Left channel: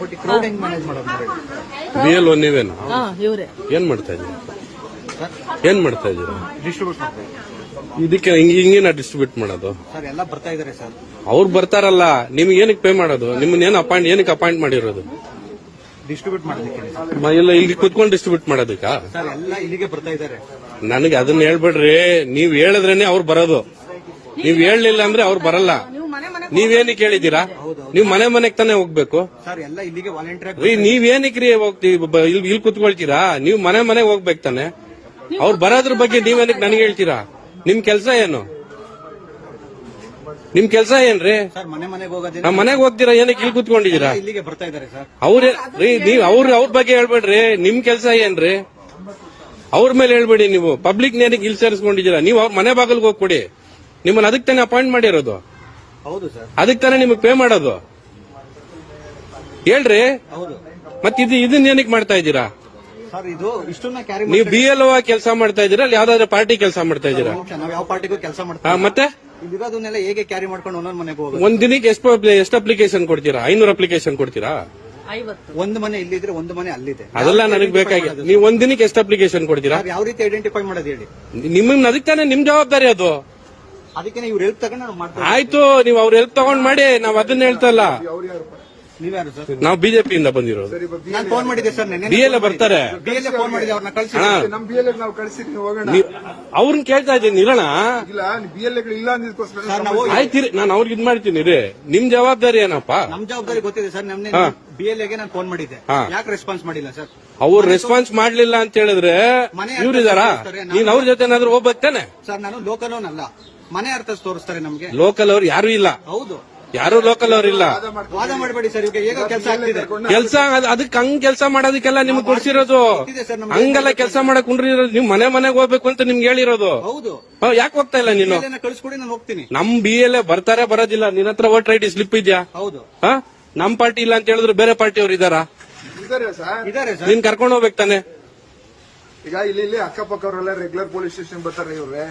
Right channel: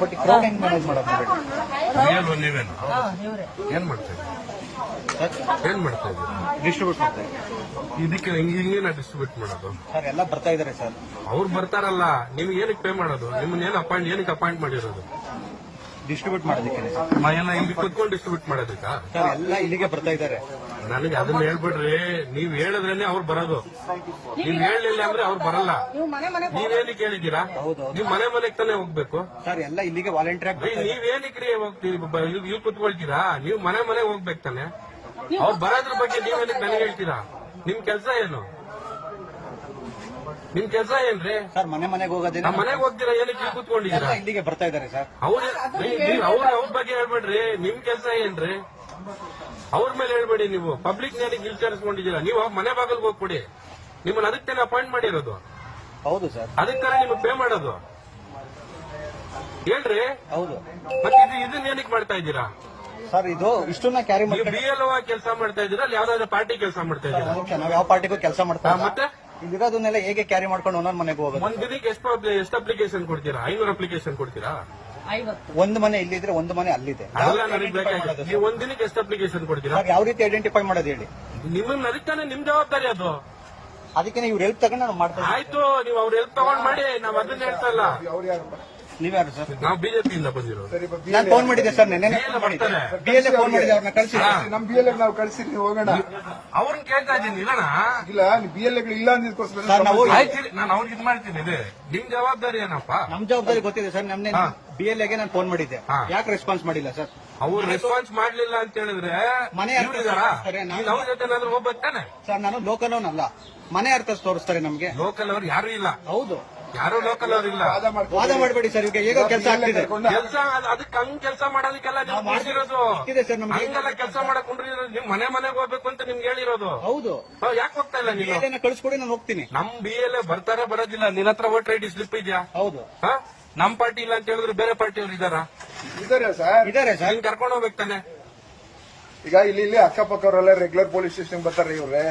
But crowd ಹೆಂಗ್ manage ಮಾಡೋದು? BLO ನೀವೇನು ಏನ್ ಮಾಡ್ತಾ ಇದ್ದೀರಿ? ಏನ್ ಮಾಡ್ತಾ ಇದ್ದೀರಿ? ಡಿಸ್ಟ್ರಿಬ್ಯೂಟ್ ಮಾಡ್ತಾರೆ ಇದಕ್ಕೆ ಹಿಂಗೆ ನಾ ಡಿಸ್ಟ್ರಿಬ್ಯೂಟ್ ಮಾಡೋದು? ಸರ್, ಎಲ್ಲ ಬರ್ತಾ ಇದಾರೆ ಸರ್. ಅವ್ರು ಬರ್ತಾರಲ್ಲ, ನಿಮ್ಗೆ ಏನಕ್ಕೆ ಪೇ ಮಾಡೋದು? ನಿಮ್ಮನ್ನ ಏನಕ್ಕೆ ಅಪಾಯಿಂಟ್ ಮಾಡಿರೋದು? ಡಿಸ್ಟ್ರಿಬ್ಯೂಟ್ ಮಾಡೋದಕ್ಕೆ ಮೊದಲು ಇಲ್ಲಿ ಕುತ್ಕೊಂಡು ಡಿಸ್ಟ್ರಿಬ್ಯೂಟ್ ಮಾಡೋದಕ್ಕ? ಸರ್, ಎಲ್ಲ ಇಲ್ಲಿಗೆ ಬರ್ತಾ ಇದಾರೆ. ನನಗೆ ಅದನ್ನ ಹೇಳ್ಬೇಡ್ರಿ. ನೀವ್ ಹೇಳಿದ್ರೇನೆ ಅವ್ರು ಬರೋದು. ನೀವ್ ಹೇಳಲಿಲ್ಲ ಅಂದ್ರೆ ಅವ್ರು ಬರಲ್ಲ. ನೀವೇನಕ್ಕೆ ಹೇಳಿದ್ದೀರಾ? ನೀವ್ ಮನೆಗೆ ತಾನೇ ಹೋಗ್ಬೇಕು. ಸರ್, ಎಲ್ಲ ಇಲ್ಲಿಗೆ ವಾಲಂಟಿಯರ್. ನೀವೇನಕ್ರಿ ಹೋಗ್ತೀವಿ ಇಲ್ಲಿ ಕುತ್ಕೊಳ್ತೀರಾ? ನೀವ್ ಮನೆಗೆ ಹೋಗ್ಬೇಕು ತಾನೆ. ಅವ್ರು ಬರೋದ್ರ ಬಗ್ಗೆ ನೀವೇನಕ್ಕೆ ನನಗೆ ಹೇಳ್ತೀರಾ? ನಿಮ್ ಕೆಲಸ ಏನು? ನಿಮ್ ಕೆಲಸ ಏನ್ರಿ? ಸರ್, ಮನೆಗೆ ಹೋಗೋದಿಲ್ಲ. ಮನೆಗೆ ಹೋಗ್ತೀರಾ? ಏನಕ್ಕೆ ಇಲ್ಲಿ ಕುತ್ಕೊಂಡಿದ್ದೀರಾ? ಇಲ್ಲಿಗೆ ಬರ್ತಾ ಇದಾರೆ ಸರ್. ಅವ್ರ ಬಗ್ಗೆ ಹೇಳ್ಬೇಡ್ರಿ. ನಿಮ್ ಕೆಲಸ ಏನ್ರಿ? ಅವ್ರ ಮೇಲೆ ಹೇಳ್ಬೇಡಿ. ನೀವು ಪಬ್ಲಿಕ್ ನೇರಿಗೆ ಇಲ್ಲಿ ಸೇರಿಸ್ಕೊಂಡಿದ್ದೀರಾ. ನೀವು ಮನೆ ಬಾಗಿಲ್ಗೆ ಹೋಗ್ಕೊಡಿ. ನಿಮ್ಮನ್ನ ಅದಕ್ಕೆ ತಾನೇ ಅಪಾಯಿಂಟ್ ಮಾಡಿರೋದು. ಹೌದು ಸರ್. ಅದಕ್ಕೆ ತಾನೇ ನಿಮಗೆ ಪೇ ಮಾಡೋದು. ಹೇಳ್ರಿ. ಹೌದು. ಮತ್ತೆ ಇದನ್ನ ಏನಕ್ಕೆ ಮಾಡ್ತಾ ಇದ್ದೀರಾ ಸರ್? ಇದು ಇಷ್ಟನ್ನ ಕ್ಯಾರಿ ನೀವು BLO ಕೆಲಸ ಮಾಡ್ತಾ ಇದ್ದೀರಾ? ಅಲ್ಲಿ ಯಾವ್ದಾದ್ರು ಪಾರ್ಟಿ ಕೆಲಸ ಮಾಡ್ತಾ ಇದ್ದೀರಾ? ನಾವು ಯಾವ ಪಾರ್ಟಿಗೂ ಕೆಲಸ ಮಾಡ್ತಾ ಮತ್ತೆ ಇದಿರೋದನ್ನೆಲ್ಲ ಹೇಗೆ ಕ್ಯಾರಿ ಮಾಡ್ಕೊಂಡು ಒಂದೊಂದು ಮನೆಗೆ ಹೋಗೋದು? ಒಂದ್ ದಿನಕ್ಕೆ ಎಷ್ಟು ಅಪ್ಲಿಕೇಶನ್ ಕೊಡ್ತೀರಾ? 500 ಅಪ್ಲಿಕೇಶನ್ ಕೊಡ್ತೀರಾ? ಒಂದು ಮನೆ ಇಲ್ಲಿದ್ರೆ ಒಂದು ಮನೆ ಅಲ್ಲಿದೆ. ಅದೆಲ್ಲ ನನಗೆ ಬೇಕಾಗಿಲ್ಲ. ನೀವು ಒಂದ್ ದಿನಕ್ಕೆ ಎಷ್ಟು ಅಪ್ಲಿಕೇಶನ್ ಕೊಡ್ತೀರಾ? ಯಾವ ರೀತಿ ಐಡೆಂಟಿಫೈ ಮಾಡೋದು ಹೇಳಿ? ನಿಮ್ಮನ್ನ ಅದಕ್ಕೆ ತಾನೇ ನಿಮ್ ಜವಾಬ್ದಾರಿ ಅದು. ಅದಕ್ಕೆ ಇವ್ರು ಹೆಲ್ಪ್ ತಗೊಂಡು ನಾವು ಮಾಡ್ತಾ ಆಯ್ತು. ನೀವು ಅವ್ರ ಹೆಲ್ಪ್ ತಗೊಂಡ್ ಮಾಡಿ. ನಾವ್ ಅದನ್ನ ಹೇಳ್ತಾ ಇಲ್ಲ. ನೀವ್ಯಾರು ಸರ್? ನಾವು ಬಿಜೆಪಿಯಿಂದ ಬಂದಿರೋದು. ನಾನು ಫೋನ್ ಮಾಡಿದ್ದೆ ಸರ್. BLO ಬರ್ತಾರೆ. ಫೋನ್ ಮಾಡಿದ್ದೆ, ಅವ್ರನ್ನ ಕಳಿಸಿ. ನಮ್ BLO ನಾವು ಕಳಿಸಿದ್ವಿ, ಹೋಗೋಣ. ಅವ್ರನ್ನ ಕೇಳ್ತಾ ಇದ್ದೀನಿ. ಇರೋಣ. ಇಲ್ಲ, BLO ಇಲ್ಲ ಅಂದಿದ್ಕೋಸ್ಕರ ಆಯ್ತು. ನಾನು ಅವ್ರಿಗೆ ಇದ್ ಮಾಡ್ತೀನಿ ರೀ. ನಿಮ್ ಜವಾಬ್ದಾರಿ ಏನಪ್ಪಾ? ನಮ್ ಜವಾಬ್ದಾರಿ ಗೊತ್ತಿದೆ ಸರ್. ನಮ್ನೆ BLOಗೆ ನಾನು ಫೋನ್ ಮಾಡಿದ್ದೆ. ಯಾಕೆ ರೆಸ್ಪಾನ್ಸ್ ಮಾಡಿಲ್ಲ ಸರ್? ಅವ್ರು ರೆಸ್ಪಾನ್ಸ್ ಮಾಡ್ಲಿಲ್ಲ ಅಂತ ಹೇಳಿದ್ರೆ ಇವ್ರಿದಾರ? ನೀನ್ ಅವ್ರ ಜೊತೆ ಏನಾದ್ರು ಹೋಗ್ಬೇಕಾನೆ? ಸರ್, ನಾನು ಲೋಕಲ್ ಅವನ್ ಅಲ್ಲ. ಮನೆ ಅರ್ಥ ತೋರಿಸ್ತಾರೆ ನಮ್ಗೆ. ಲೋಕಲ್ ಅವ್ರು ಯಾರು ಇಲ್ಲ. ಹೌದು, ಯಾರು ಲೋಕಲ್ ಅವ್ರು ಇಲ್ಲ. ವಾದ ಮಾಡಬೇಡಿ ಸರ್. ಈಗ ಹೇಗೋ ಕೆಲಸ ಆಗ್ತಿದೆ. ಕೆಲಸ ಅದಕ್ಕೆ ಹಂಗ್ ಕೆಲಸ ಮಾಡೋದಕ್ಕೆಲ್ಲ ನಿಮ್ಗೆ ಕೊಡ್ಸಿರೋದು. ಹಂಗೆಲ್ಲ ಕೆಲಸ ಮಾಡಕ್ ಕುಂಡ್ರಿರೋದು. ನೀವು ಮನೆಗೆ ಹೋಗ್ಬೇಕು ಅಂತ ನಿಮ್ಗೆ ಹೇಳಿರೋದು. ಹೌದು. ಯಾಕೆ ಹೋಗ್ತಾ ಇಲ್ಲ ನೀನು? ಕಳಿಸ್ಕೊಡಿ, ನಾನು ಹೋಗ್ತೀನಿ. ನಮ್ BLO ಬರ್ತಾರೆ, ಬರೋದಿಲ್ಲ. ನಿನ್ನ ಹತ್ರ ವೋಟರ್ ID ಸ್ಲಿಪ್ ಇದೆಯಾ? ಹೌದು. ನಮ್ ಪಾರ್ಟಿ ಇಲ್ಲ ಅಂತ ಹೇಳಿದ್ರು ಬೇರೆ ಪಾರ್ಟಿ ಅವ್ರು ಇದಾರಾ? ಇದಾರೆ ಸರ್. ನೀನ್ ಕರ್ಕೊಂಡು ಹೋಗ್ಬೇಕು ತಾನೆ. ಈಗ ಇಲ್ಲಿ ಅಕ್ಕಪಕ್ಕವರೆಲ್ಲ ರೆಗ್ಯುಲರ್ ಪೊಲೀಸ್ ಸ್ಟೇಷನ್ ಬರ್ತಾರೆ ಇವ್ರೆ.